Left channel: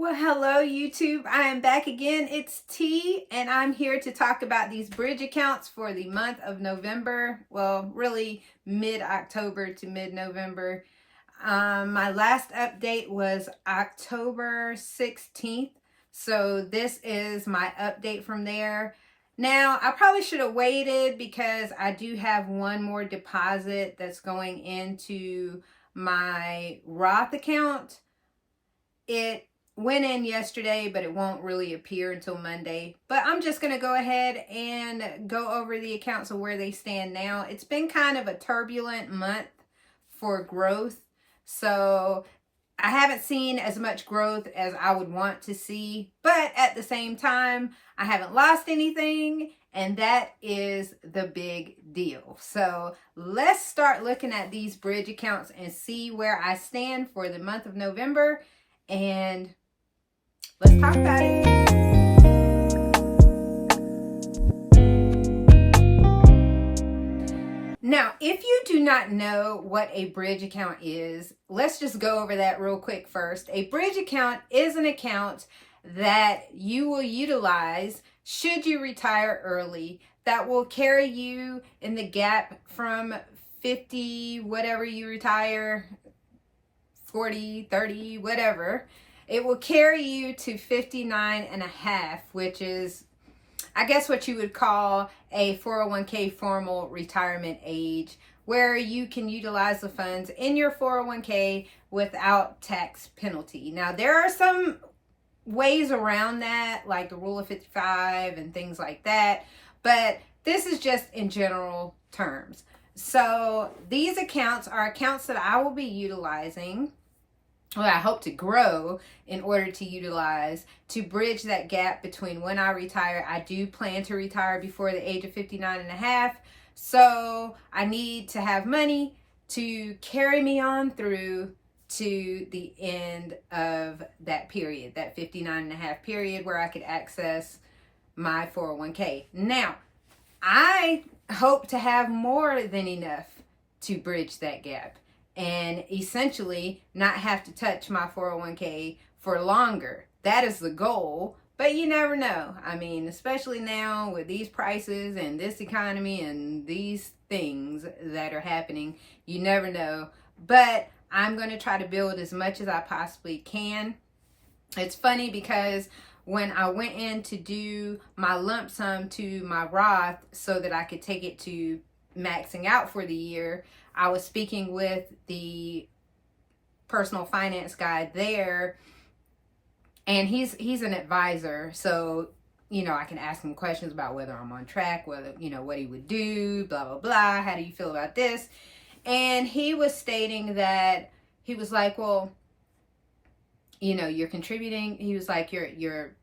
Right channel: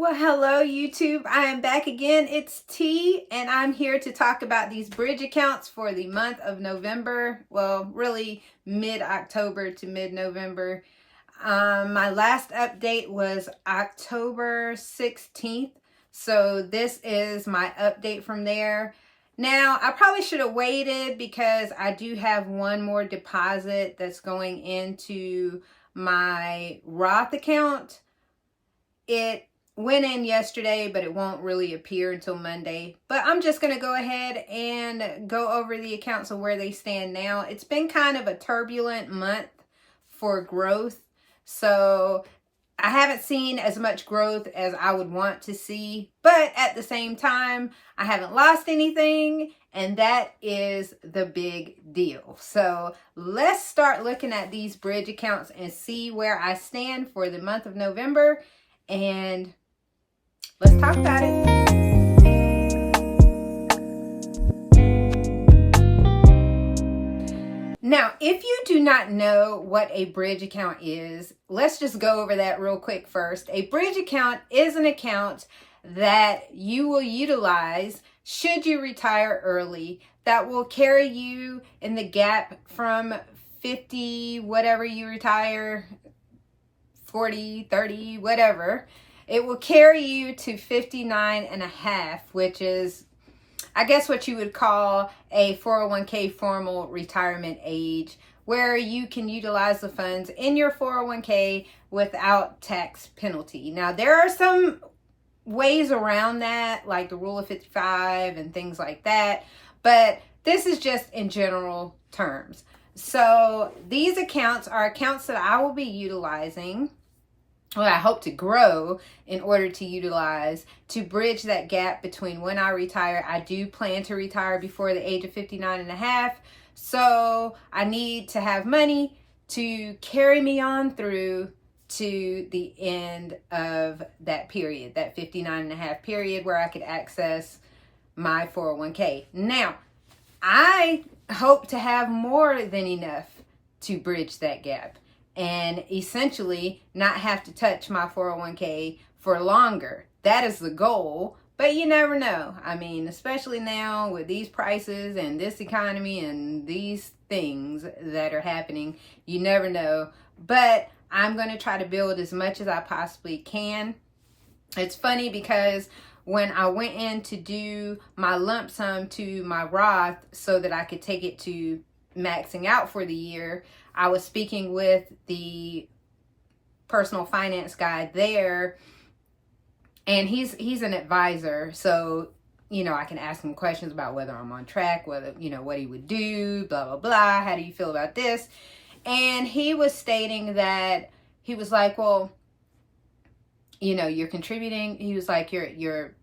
Well, hello YouTube. I am back again. It's T, and I'm here to talk about these bridge accounts for the month of November. Well, really mid-October to mid-November. My last update was October 16th, so this is my update from there. Now, I probably should have waited because I do have one more deposit that's going into my Roth account. It went in yesterday, but it won't really appear until Monday. But I'm just going to go ahead and go over the accounts of where they stand now. It's been kind of a turbulent month for growth. So I haven't seen as much growth as I would want to see. But at the same time, I haven't lost anything. And that is the big deal. So let's start looking at these bridge accounts and see where I stand for the month of November. And let's talk about it. Now, if you do not know what a bridge account is, let's just go over that real quick first. A bridge account is an account that you will utilize should you retire early, that will carry you in the gap from 50, whatever you retire, 40, 30, whatever. It will carry you to 59 and a half, which is, I guess, what you would call a 401k formal retirement age, where you can utilize the funds in your 401k without tax penalty. Now, there are some ways around that, like the rule of 55 and things like that, but this is just in general terms. So these accounts are accounts that I will be utilizing, well, I hope to grow in order to utilize to bridge that gap between when I retire. I do plan to retire before the age of 59 and a half. So I need to have money to carry me on through to the end of that period, that 59 and a half period where I could access my 401k. Now, I hope to have more than enough to bridge that gap and essentially not have to touch my 401k for longer. That is the goal, but you never know. I mean, especially now with these prices and this economy and these things that are happening, you never know. But I'm going to try to build as much as I possibly can. It's funny because when I went in to do my lump sum to my Roth so that I could take it to maxing out for the year, I was speaking with the personal finance guy there, and he's an advisor, so I can ask him questions about whether I'm on track, whether what he would do, blah blah blah. How do you feel about this? And he was stating that he was like, well, you're contributing. He was like, your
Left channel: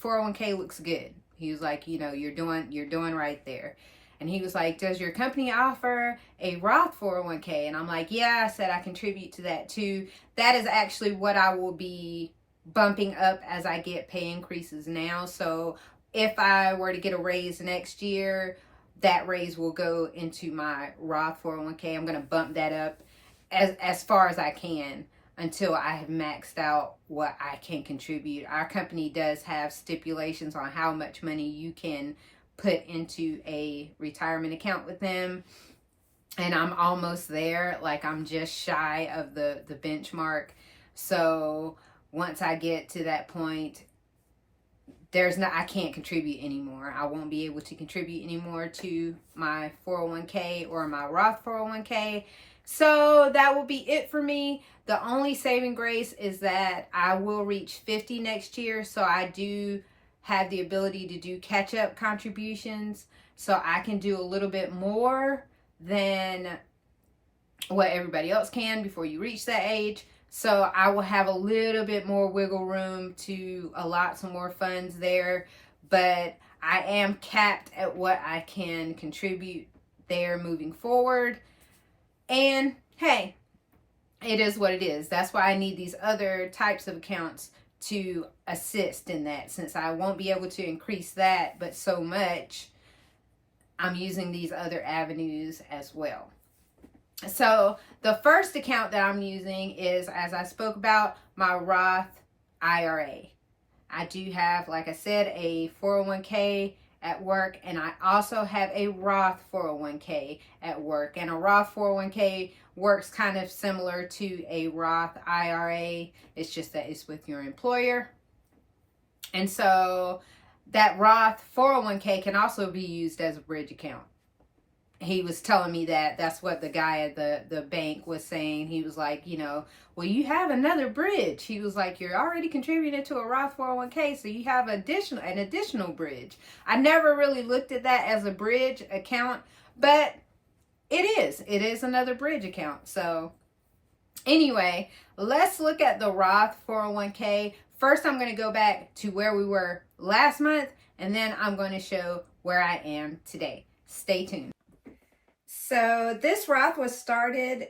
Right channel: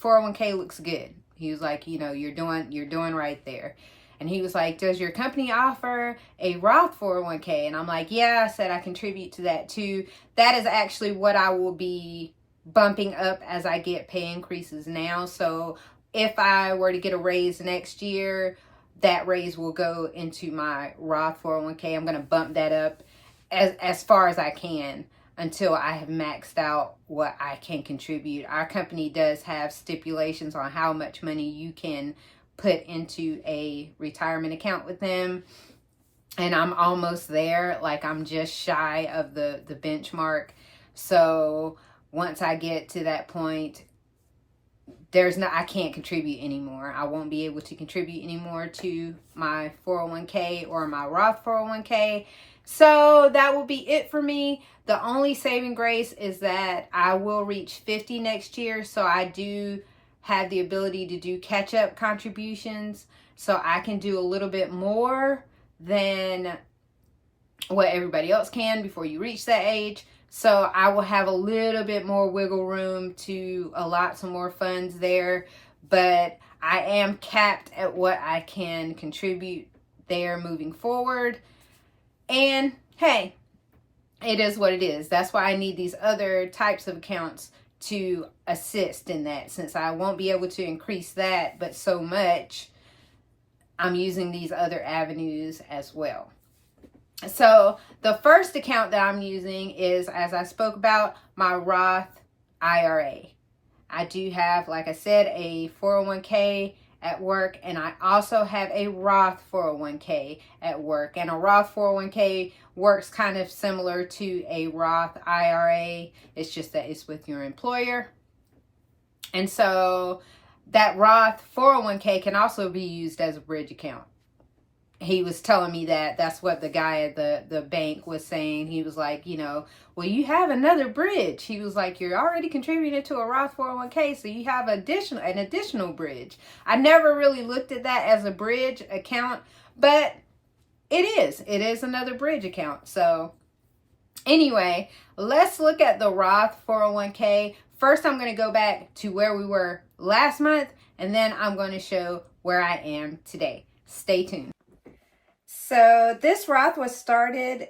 401k looks good. He was like, you're doing right there. And he was like, does your company offer a Roth 401k? And I'm like, yeah. I said I contribute to that too. That is actually what I will be bumping up as I get pay increases now. So if I were to get a raise next year, that raise will go into my Roth 401k. I'm going to bump that up as far as I can until I have maxed out what I can contribute. Our company does have stipulations on how much money you can put into a retirement account with them, and I'm almost there. Like, I'm just shy of the benchmark. So once I get to that point, I can't contribute anymore. I won't be able to contribute anymore to my 401k or my Roth 401k. So that will be it for me. The only saving grace is that I will reach 50 next year. So I do have the ability to do catch-up contributions, so I can do a little bit more than what everybody else can before you reach that age. So I will have a little bit more wiggle room to allot some more funds there, but I am capped at what I can contribute there moving forward. And hey, it is what it is. That's why I need these other types of accounts to assist in that, since I won't be able to increase that but so much. I'm using these other avenues as well. So the first account that I'm using is, as I spoke about, my Roth IRA. I do have, like I said, a 401k at work, and I also have a Roth 401k at work. And a Roth 401k works kind of similar to a Roth IRA. It's just that it's with your employer. And so that Roth 401k can also be used as a bridge account. He was telling me that that's what the guy at the bank was saying. He was like, you know, well, you have another bridge. He was like, you're already contributing to a Roth 401k, so you have an additional bridge. I never really looked at that as a bridge account, but it is another bridge account. So anyway, let's look at the Roth 401k. First, I'm going to go back to where we were last month, and then I'm going to show where I am today. Stay tuned. So this Roth was started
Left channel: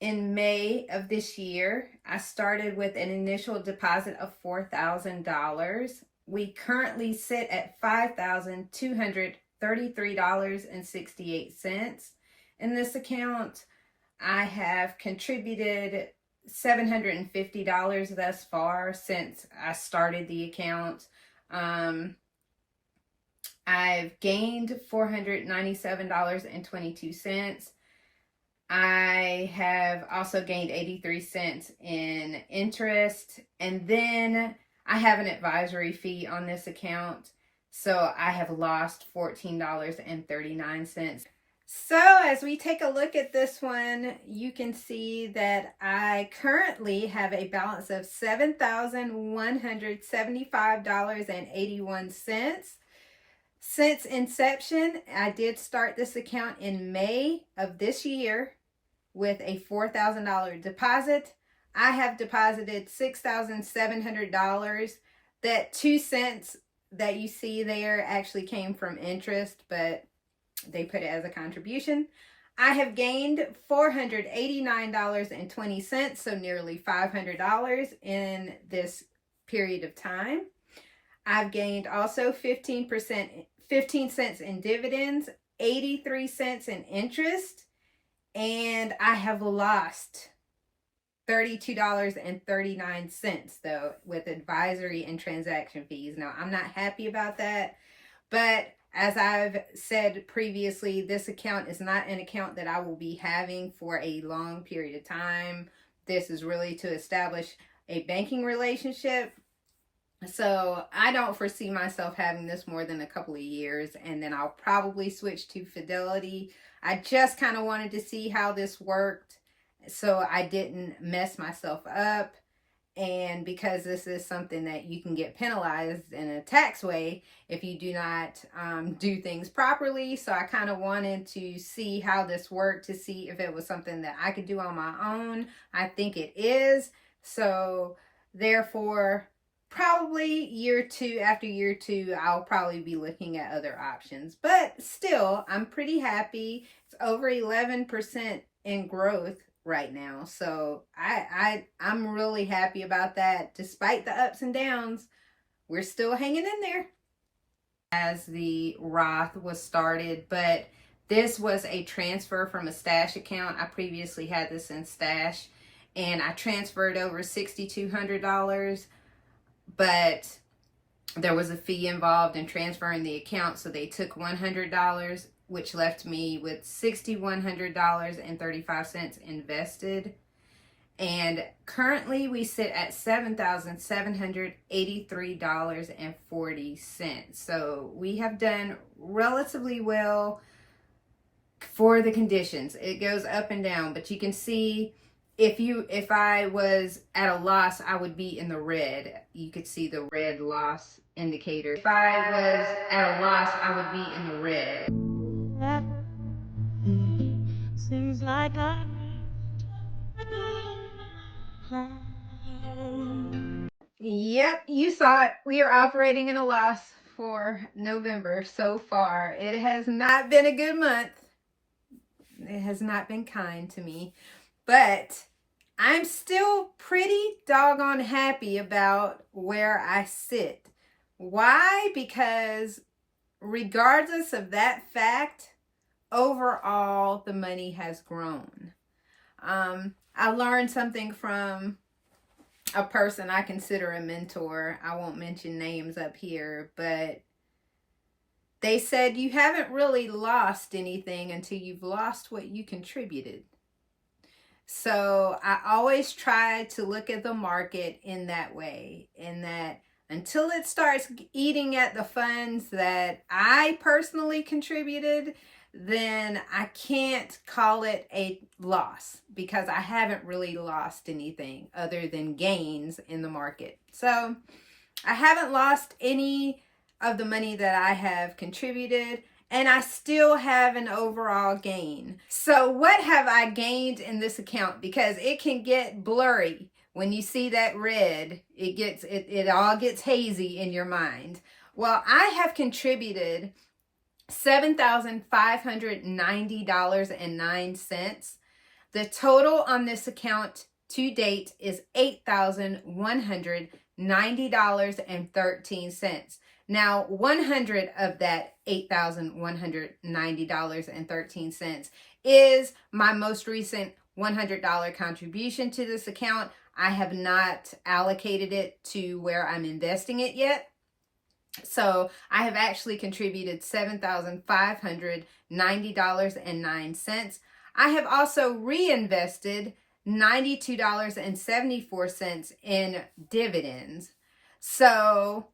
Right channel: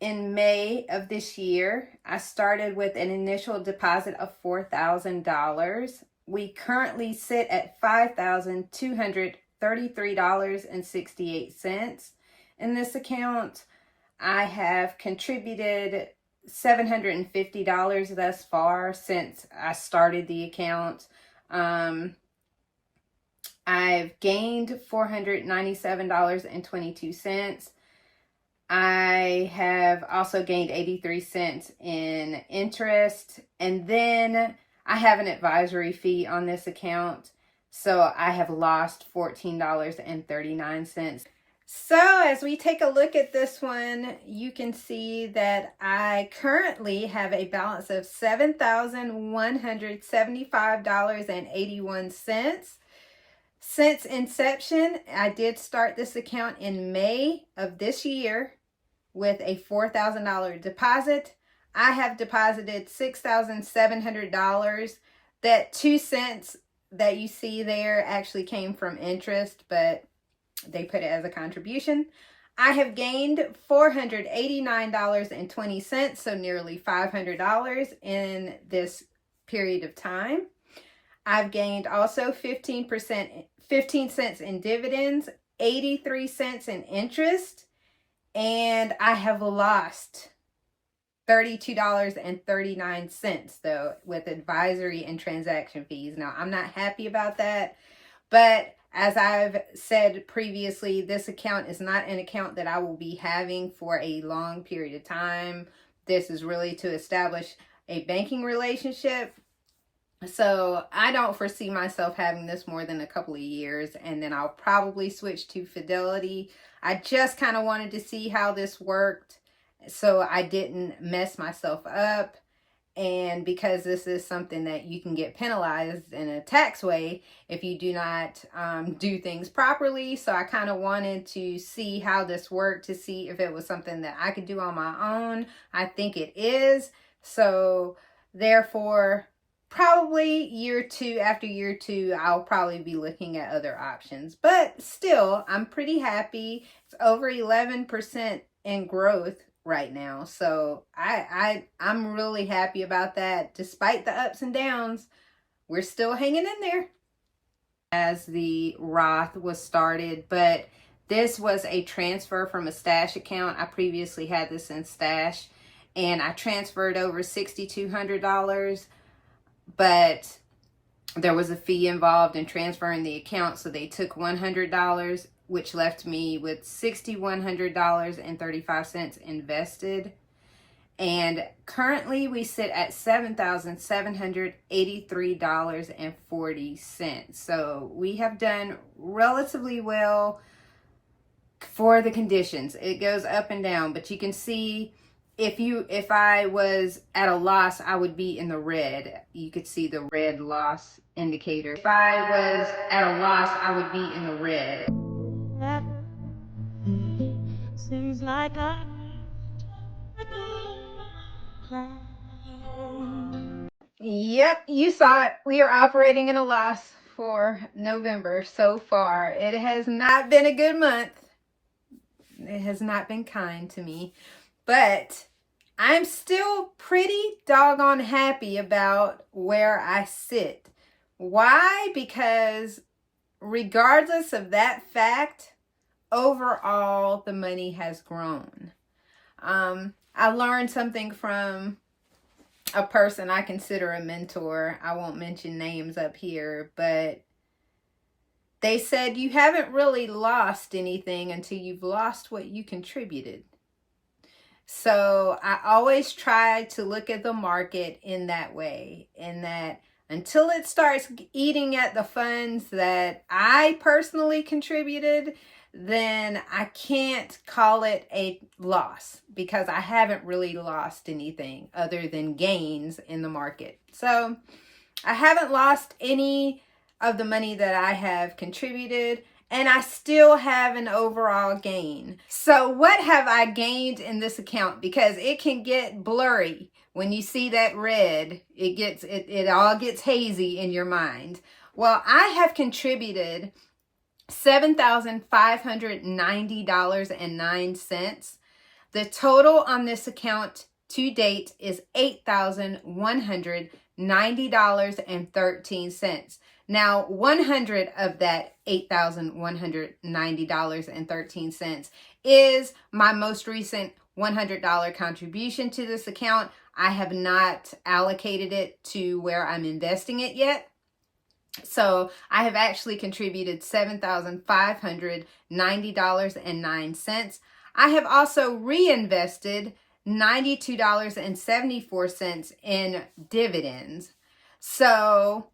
in May of this year. I started with an initial deposit of $4,000. We currently sit at $5,233.68 in this account. I have contributed $750 thus far since I started the account. I've gained $497.22. I have also gained 83 cents in interest. And then I have an advisory fee on this account. So I have lost $14.39. So as we take a look at this one, you can see that I currently have a balance of $7,175.81. Since inception, I did start this account in May of this year with a $4,000 deposit. I have deposited $6,700. That 2 cents that you see there actually came from interest, but they put it as a contribution. I have gained $489.20, so nearly $500 in this period of time. I've gained also 15 cents in dividends, 83 cents in interest, and I have lost $32.39 though with advisory and transaction fees. Now, I'm not happy about that, but as I've said previously, this account is not an account that I will be having for a long period of time. This is really to establish a banking relationship. So I don't foresee myself having this more than a couple of years, and then I'll probably switch to Fidelity. I just kind of wanted to see how this worked so I didn't mess myself up. And because this is something that you can get penalized in a tax way if you do not do things properly. So I kind of wanted to see how this worked, to see if it was something that I could do on my own. I think it is. So therefore, probably after year two, I'll probably be looking at other options. But still, I'm pretty happy. It's over 11% in growth right now. So I'm really happy about that. Despite the ups and downs, we're still hanging in there. As the Roth was started, but this was a transfer from a stash account. I previously had this in stash, and I transferred over $6,200, but there was a fee involved in transferring the account, so they took $100, which left me with $6,100.35 invested. And currently we sit at $7,783.40. So we have done relatively well for the conditions. It goes up and down, but you can see if I was at a loss, I would be in the red. You could see the red loss indicator. If I was at a loss, I would be in the red. Seems like Yep, you saw it. We are operating in a loss for November so far. It has not been a good month. It has not been kind to me, but I'm still pretty doggone happy about where I sit. Why? Because regardless of that fact, overall, the money has grown. I learned something from a person I consider a mentor. I won't mention names up here, but they said you haven't really lost anything until you've lost what you contributed. So I always try to look at the market in that way, in that until it starts eating at the funds that I personally contributed, then I can't call it a loss, because I haven't really lost anything other than gains in the market. So I haven't lost any of the money that I have contributed, and I still have an overall gain. So what have I gained in this account? Because it can get blurry when you see that red. It all gets hazy in your mind. Well, I have contributed $7,590.09. The total on this account to date is $8,190.13. Now, 100 of that $8,190.13 is my most recent $100 contribution to this account. I have not allocated it to where I'm investing it yet. So I have actually contributed $7,590.09. I have also reinvested $92.74 in dividends. So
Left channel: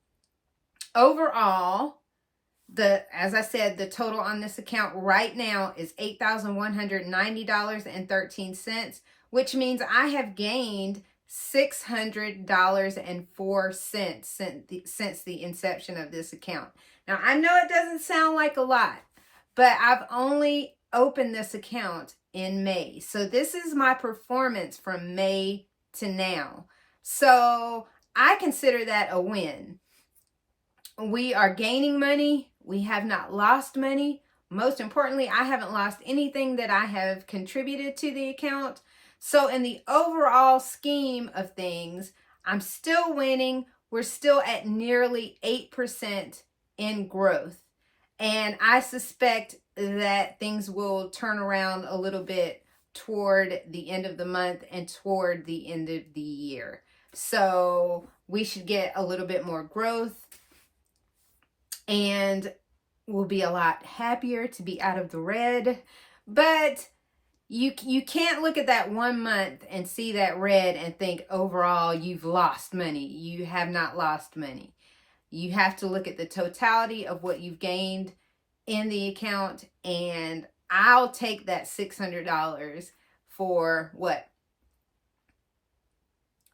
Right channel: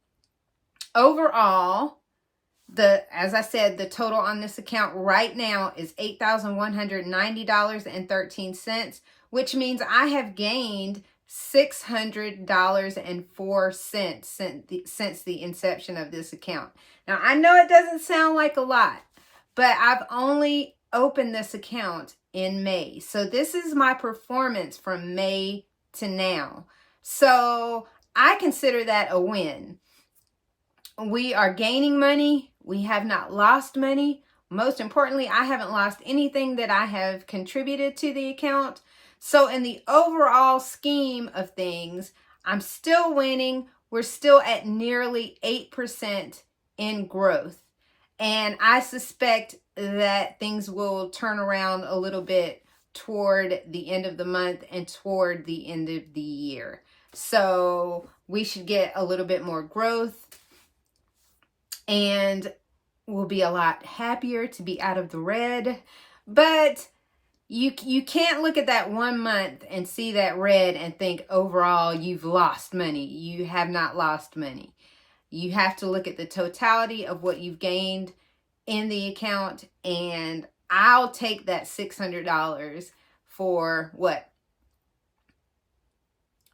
overall, as I said, the total on this account right now is $8,190.13, which means I have gained $600.04 since the inception of this account. Now, I know it doesn't sound like a lot, but I've only opened this account in May. So this is my performance from May to now. So I consider that a win. We are gaining money. We have not lost money. Most importantly, I haven't lost anything that I have contributed to the account. So in the overall scheme of things, I'm still winning. We're still at nearly 8% in growth. And I suspect that things will turn around a little bit toward the end of the month and toward the end of the year. So we should get a little bit more growth, and we'll be a lot happier to be out of the red. But you can't look at that 1 month and see that red and think overall you've lost money. You have not lost money. You have to look at the totality of what you've gained in the account, and I'll take that $600 for what?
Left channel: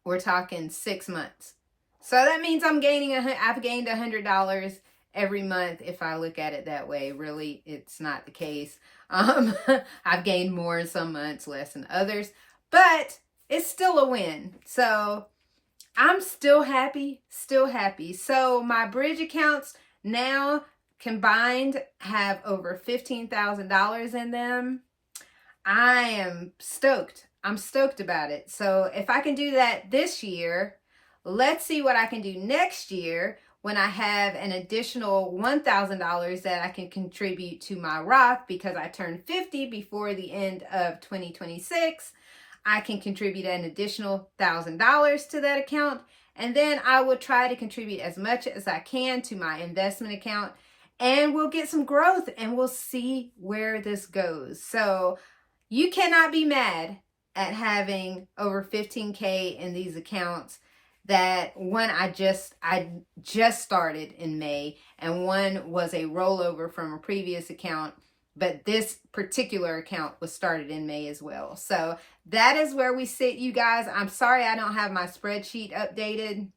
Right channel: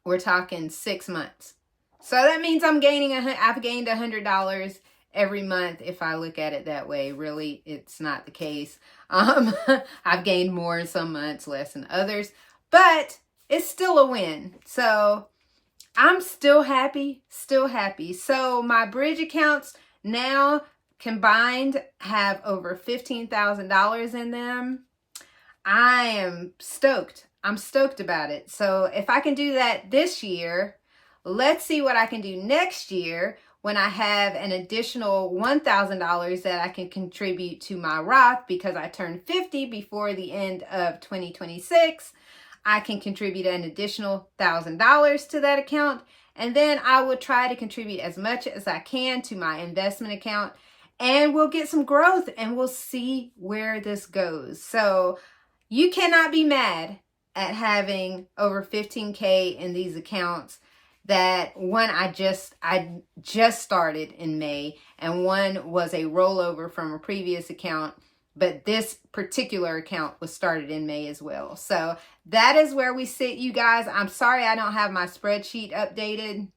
We're talking 6 months. So that means I've gained $100 every month if I look at it that way. Really, it's not the case. I've gained more in some months, less in others, but it's still a win. So I'm still happy, So my bridge accounts now combined have over $15,000 in them. I am stoked. I'm stoked about it. So if I can do that this year, let's see what I can do next year when I have an additional $1,000 that I can contribute to my Roth, because I turned 50 before the end of 2026. I can contribute an additional $1,000 to that account, and then I will try to contribute as much as I can to my investment account, and we'll get some growth, and we'll see where this goes. So you cannot be mad at having over 15K in these accounts. That one I just started in May, and one was a rollover from a previous account, but this particular account was started in May as well. So that is where we sit, you guys. I'm sorry I don't have my spreadsheet updated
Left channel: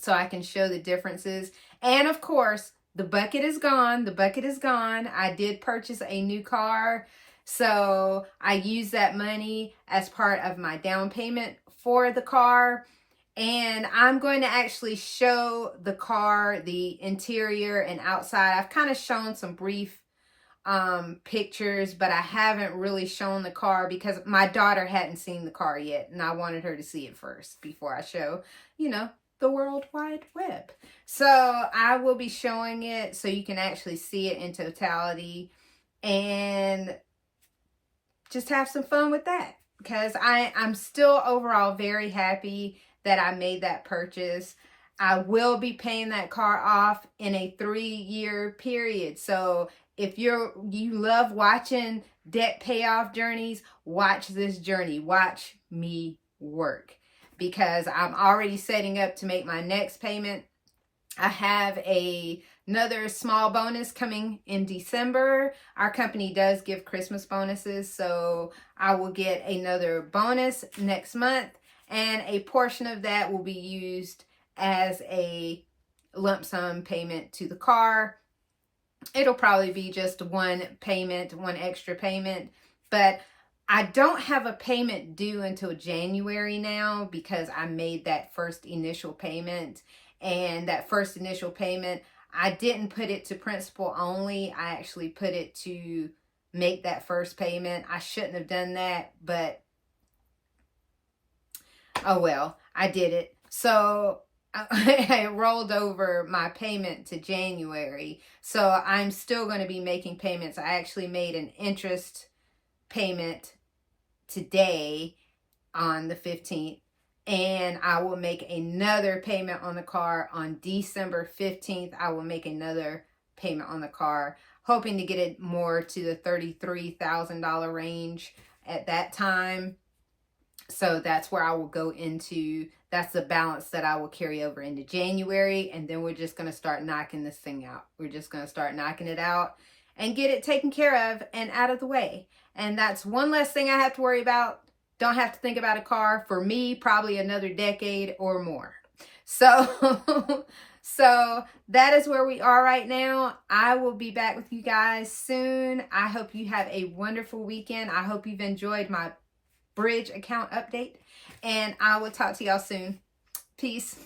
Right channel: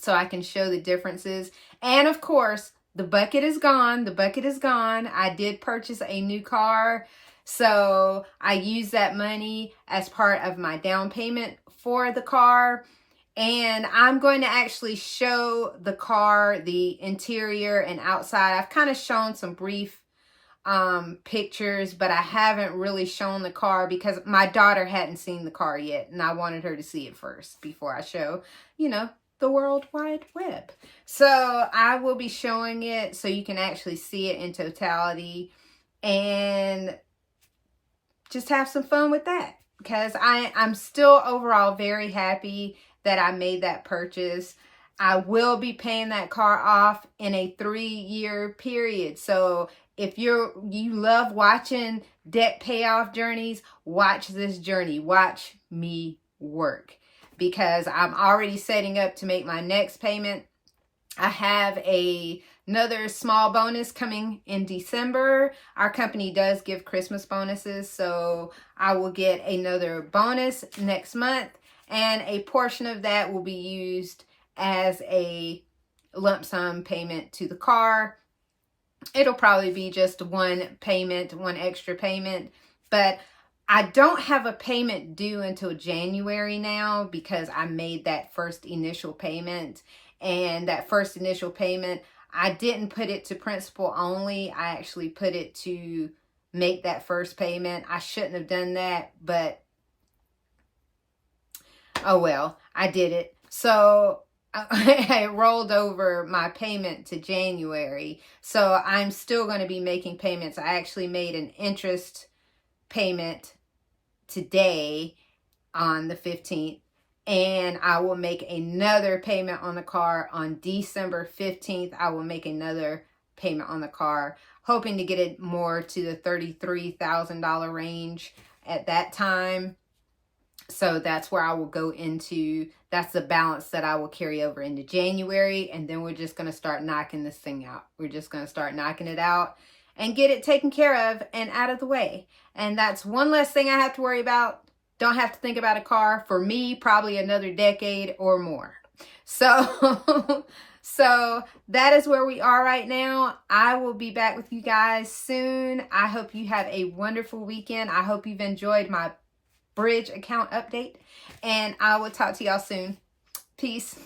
so I can show the differences. And of course, the bucket is gone. I did purchase a new car, so I used that money as part of my down payment for the car. And I'm going to actually show the car, the interior and outside. I've kind of shown some brief pictures, but I haven't really shown the car because my daughter hadn't seen the car yet, and I wanted her to see it first before I show, the World Wide Web. So I will be showing it so you can actually see it in totality and just have some fun with that, because I'm still overall very happy that I made that purchase. I will be paying that car off in a 3-year period. So if you love watching debt payoff journeys, watch this journey. Watch me work, because I'm already setting up to make my next payment. I have another small bonus coming in December. Our company does give Christmas bonuses, so I will get another bonus next month, and a portion of that will be used as a lump sum payment to the car. It'll probably be just one payment, one extra payment, but I don't have a payment due until January now, because I made that first initial payment. And that first initial payment, I didn't put it to principal only. I actually put it to make that first payment. I shouldn't have done that, but oh well, I did it. So I rolled over my payment to January. So I'm still going to be making payments. I actually made an interest payment today on the 15th. And I will make another payment on the car on December 15th. I will make another payment on the car, hoping to get it more to the $33,000 range at that time. So that's where I will go into, that's the balance that I will carry over into January. And then we're just going to start knocking this thing out. We're just going to start knocking it out and get it taken care of and out of the way. And that's one less thing I have to worry about. Don't have to think about a car for me, probably another decade or more. So, so that is where we are right now. I will be back with you guys soon. I hope you have a wonderful weekend. I hope you've enjoyed my bridge account update, and I will talk to y'all soon. Peace.